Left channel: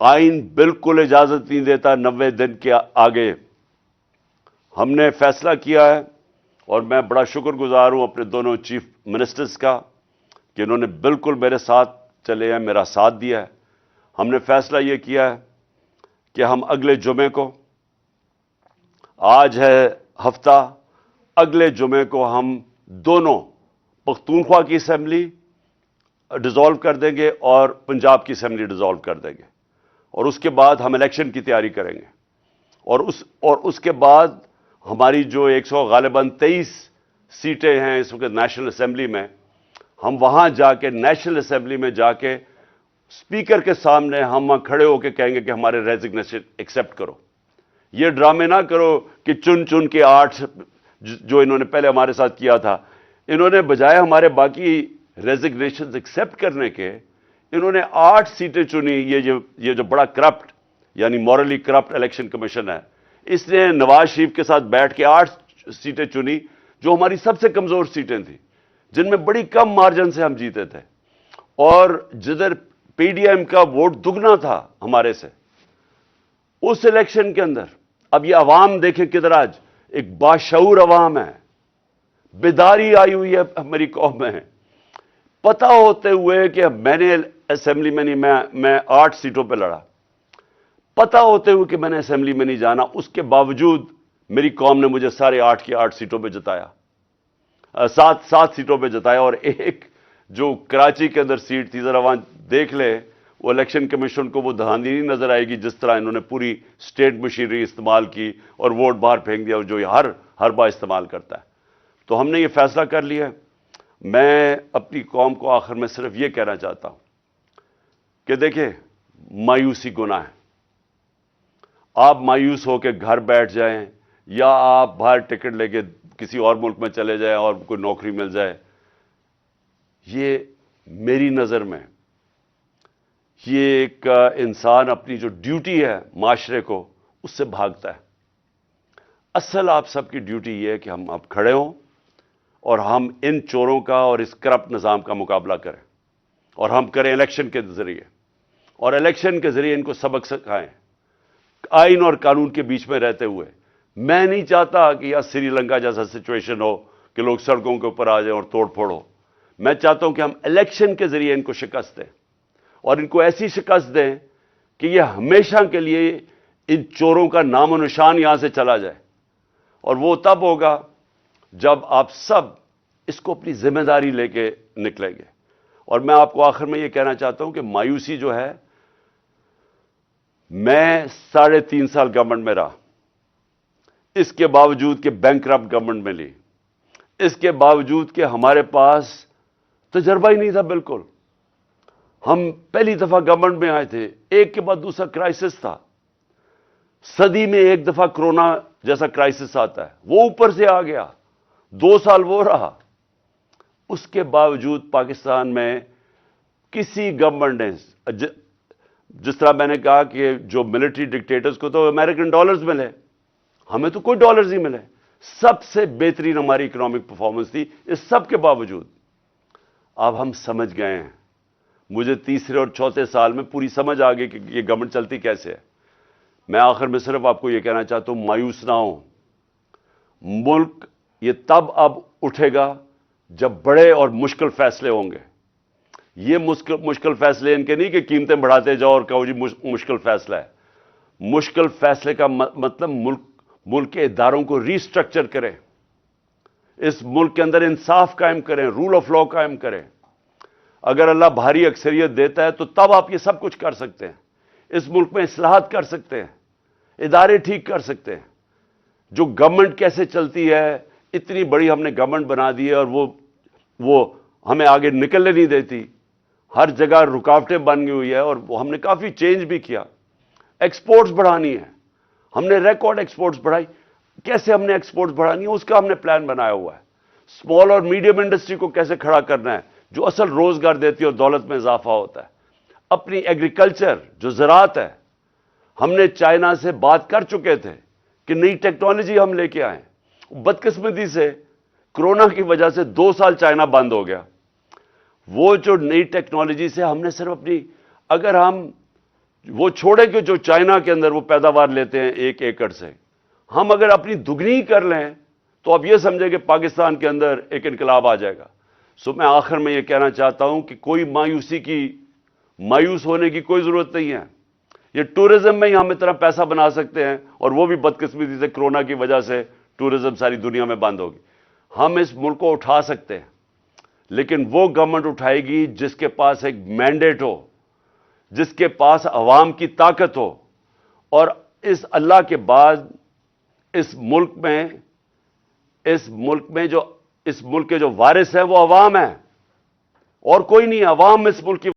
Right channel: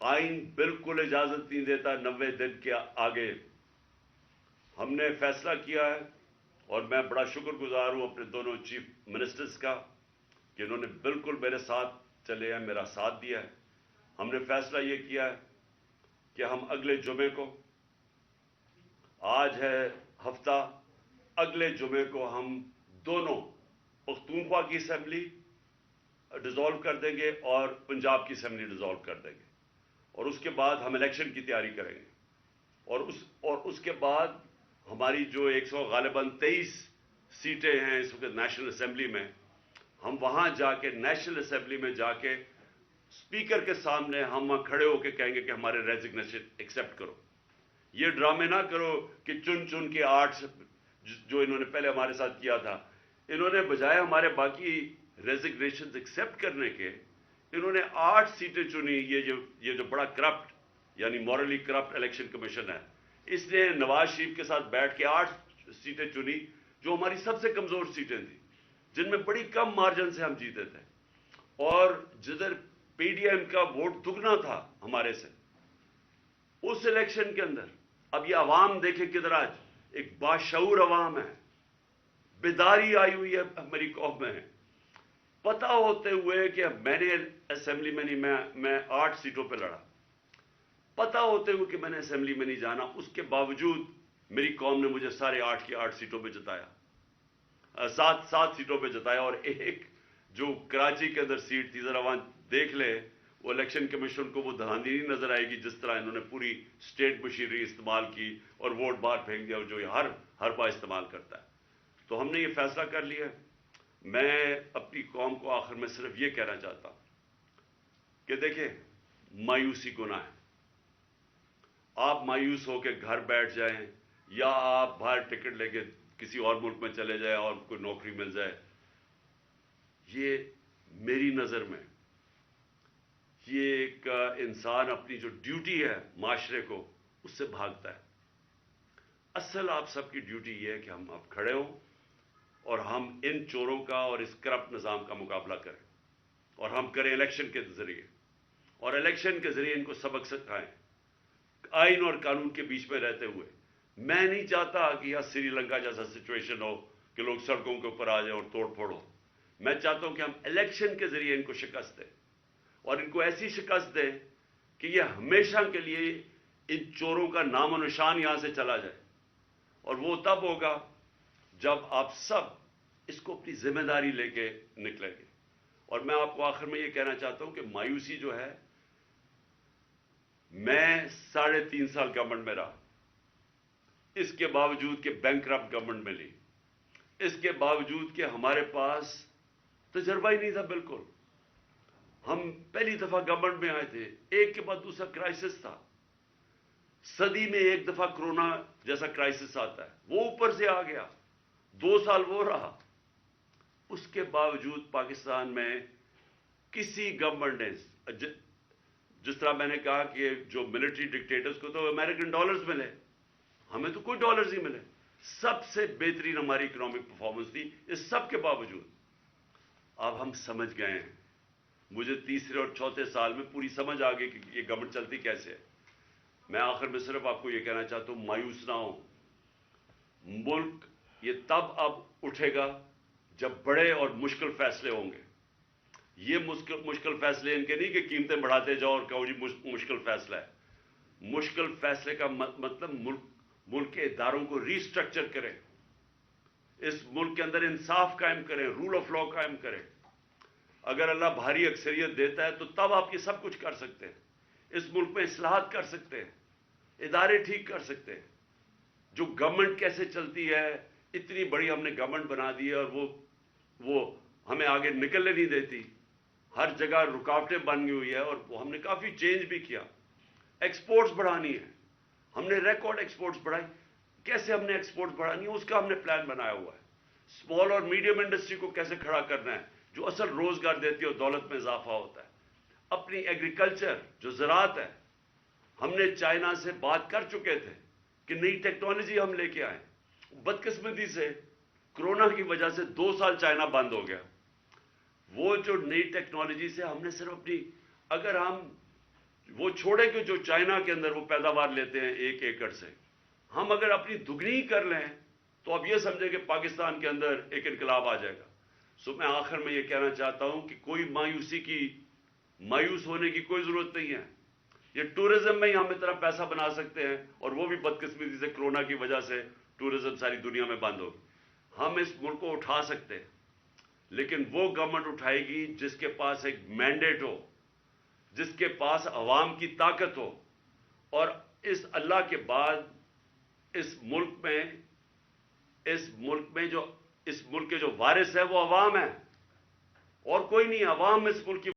آئین بالکل اجازت نہیں دیتا 90 دن کے آگے. ہم نے فیصلہ کیا ہے اور میں بڑا شکر گزار ہوں اپنے دونوں چیف منسٹرز کا کہ انہوں نے بالکل میرے ساتھ چلے ہیں، میرا ساتھ دیا ہے. ہم نے فیصلہ یہ کیا ہے کہ ہم اگلے جمعے کو، آج ہے ہفتہ، اگلے جمعے کو ہم دونوں پختونخوا کی اسمبلی ڈیزالو کر دیں گے اور پنجاب کی اسمبلی ڈیزالو کر دیں گے، اور اس کے بعد ہم الیکشن کی تیاری کریں گے. اور اس کے بعد ہماری جو 100 غالباً 23 سیٹیں ہیں اس وقت نیشنل اسمبلی میں، ہم وہاں جا کے نیشنل اسمبلی میں جا کے اسپیکر کے سامنے ہم کھڑے ہو کے کہیں گے کہ ہمارے ریزگنیشن ایکسیپٹ کرو. یہ ڈرامے نہ کرو کہ چن چن کے 8 جو انہوں نے پہلے ہمارے ساتھ کیا تھا، انہوں نے بجائے ہمارے باقی ریزگنیشن ایکسیپٹ کرنے کے، انہوں نے 8 سیٹیں چنی. یہ جو بڑا کرپٹ یعنی مورلی کرپٹ الیکشن کمیشن ہے، اس نے نواز شریف کے ساتھ بیٹھ کے 8 سیٹیں چنی جو ہماری سب سے کمزور سیٹیں تھیں، جن میں بڑی کم مارجن سے ہم جیتے تھے، اور جدھر پی ڈی ایم کا ووٹ دگنا تھا ہمارے سے اس الیکشن کے اندر. اب یہ عوام دیکھیں کدھر آج ایک باشعور عوام ہے، بیداری آئی ہوئی ہے ہماری قوم میں. پتہ ہوتے ہوئے کہ میں نے اسمبلی میں نہیں، میں 8 سیٹوں پہ لڑا، پتہ ہوتے ہوئے کہ میں نے اسمبلی میں نہیں جانا، اس کے باوجود میری قوم نے مجھے سارے 8 کی 8 سیٹوں پہ جتایا، 7 سیٹوں پہ جتایا. اور ایک جو کراچی کے اندر سیٹ تھی، ذرا وہاں دیکھ لے، وہ الیکشن کمیشن کو وہ دھاندلی نہیں نظر آئے گی جس طرح انہوں نے پوری اسٹیٹ مشینری استعمال کی اور ووٹ باہر پھینک دیا، جو یہ ہر بار استعمال کرتا ہے. تو ہم نے یہ فیصلہ کر لیا ہے. میں اپنی قوم کو آخر میں صرف یہ کہنا چاہتا ہوں کہ دیکھیں، مایوسی گناہ ہے. آپ مایوس ہو کے گھر بیٹھ جائیں یا آپ باہر ٹکٹ لے کے کسی اور ملک میں چلے جائیں اور کوئی نوکری مل جائے، یہ میری نظر میں یہ ایک انسان اپنی جو ڈیوٹی ہے معاشرے کو اس سے بھاگتا ہے. اصل آپ سب کی ڈیوٹی یہ ہے کہ ہم اب کھڑے ہوں اور ہم ان چوروں کا اور اس کرپٹ نظام کا مقابلہ کریں، اور ہم کریں الیکشن کے ذریعے، اور الیکشن کے ذریعے ان کو سبق سکھائیں آئین اور قانون کے بیچ میں رہتے ہوئے. میں نہیں چاہتا کہ یہاں سری لنکا جیسا سچویشن ہو کہ لوگ سڑکوں کے اوپر آ جائیں اور توڑ پھوڑ ہو. میں چاہتا ہوں کہ ہم الیکشن کے ذریعے ان کو شکست دیں، اور ان کو ایسی شکست دیں کہ یہ ہمیشہ کے لیے ان چوروں کا نام و نشان یہاں سے چلا جائے. اور وہ تب ہوگا جب آپ سب اس کو اپنی ذمہ داری لے کے نکلیں گے. اور میں آپ کو آخر میں یہ کہنا چاہتا ہوں کہ مایوسی جو ہے، میں 3.5 سال گورنمنٹ میں رہا، اس کے باوجود کہ بینکرپٹ گورنمنٹ میں لی، اس کے باوجود کہ ہمارے پاس تجربہ ہی نہیں تھا بالکل. ہم پہلی دفعہ گورنمنٹ میں آئے تھے، ایک کے بعد دوسرا کرائسس تھا. صدی میں ایک دفعہ کرونا جیسا کرائسس آتا ہے، وہ اوپر سے آ گیا، 2 سال وہ رہا. اس کے باوجود پاکستان میں کسی گورنمنٹ نے، جس طرح میں نے کہا کہ جو ملٹری ڈکٹیٹرز کو تو امریکن ڈالرز ملے، ہمیں تو کوئی ڈالرز نہیں ملے. سب سے بہترین ہماری اکنامک پرفارمنس تھی. اس سب کے باوجود اب ہم سمجھ گئے ہیں. مجھے تیسرے اور چوتھے سال میں پوری سمجھ آ گئی کہ یہ گورنمنٹ چلتی کیسے ہے. میں آخر میں صرف آپ کو یہ کہنا چاہتا ہوں، مایوس نہ ہوں. ملک یہ تب اب اٹھے گا جب بڑے اور مشکل فیصلے ہوں گے. یہ مشکل فیصلے ان کے نہیں کہ قیمتیں بڑھاتے جاؤ اور کہو جی مشکل فیصلہ ہے. مشکل فیصلے کا مطلب ملک کے اداروں کو ری اسٹرکچر کریں، اس ملک کے اندر انصاف قائم کریں، رول آف لا قائم کریں. اگر اللہ بھاری اکثریت دیتا ہے تو تب آپ یہ سب کچھ کر سکتے ہیں. اس ملک میں اصلاحات کر سکتے ہیں، ادارے ٹھیک کر سکتے ہیں. جو گورنمنٹ کیسے چلتی ہے، اتنی بڑی ہم نے گورنمنٹ بنا دی ہے اور وہ ہمیں آگے نکلنے نہیں دیتی. ہر جگہ رکاوٹیں بن گئی ہوئی ہے، اور ہم نے کافی چینج بھی کیا. ایکسپورٹس بڑھانی ہے، ہم نے ریکارڈ ایکسپورٹس بڑھائی. کیسے ہم نے ایکسپورٹس بڑھانی ہے اس کا ہم نے پلان بنایا ہوا ہے. اسمال اور میڈیم انڈسٹری کو کیسے کھڑا کرنا ہے جو اصل روزگار دیتی ہے اور دولت میں اضافہ ہوتا ہے. اپنی ایگریکلچر جو زراعت ہے، ہم نے چائنا سے بات کر چکے تھے کہ نئی ٹیکنالوجی ہم لے کے آئیں. بدقسمتی سے کرونا کی وجہ سے 2 سال چائنا بند ہو گیا. وہ جو نئی ٹیکنالوجی سے ہم نے صرف اگر ہم وہ چھوڑے کہ جو چائنا کے اندر وہ پیداوار لیتے ہیں 1 ایکڑ سے، ہم اگر اپنی دگنی کر لیں تو اب یہ سمجھے کہ پاکستان کے اندر ایک انقلاب آ جائے گا۔ میں آخر میں یہ کہنا چاہتا ہوں کہ کوئی مایوس ہونے کی کوئی ضرورت نہیں ہے۔ یہ ٹورزم میں ہی ہم اتنا پیسہ بنا سکتے ہیں، اور وہ بھی بدقسمتی سے کرونا کی وجہ سے ٹورزم ساری دنیا میں بند ہوگی۔ ہم اس ملک کو اٹھا سکتے ہیں، لیکن وہ گورنمنٹ اٹھائے گی جس کے پاس ایک مینڈیٹ ہو، جس کے پاس عوام کی طاقت ہو، اور اس اللہ کے بعد اس ملک کے جو وارث ہیں وہ عوام ہیں، اور کوئی نہیں۔ عوام اس ملک کی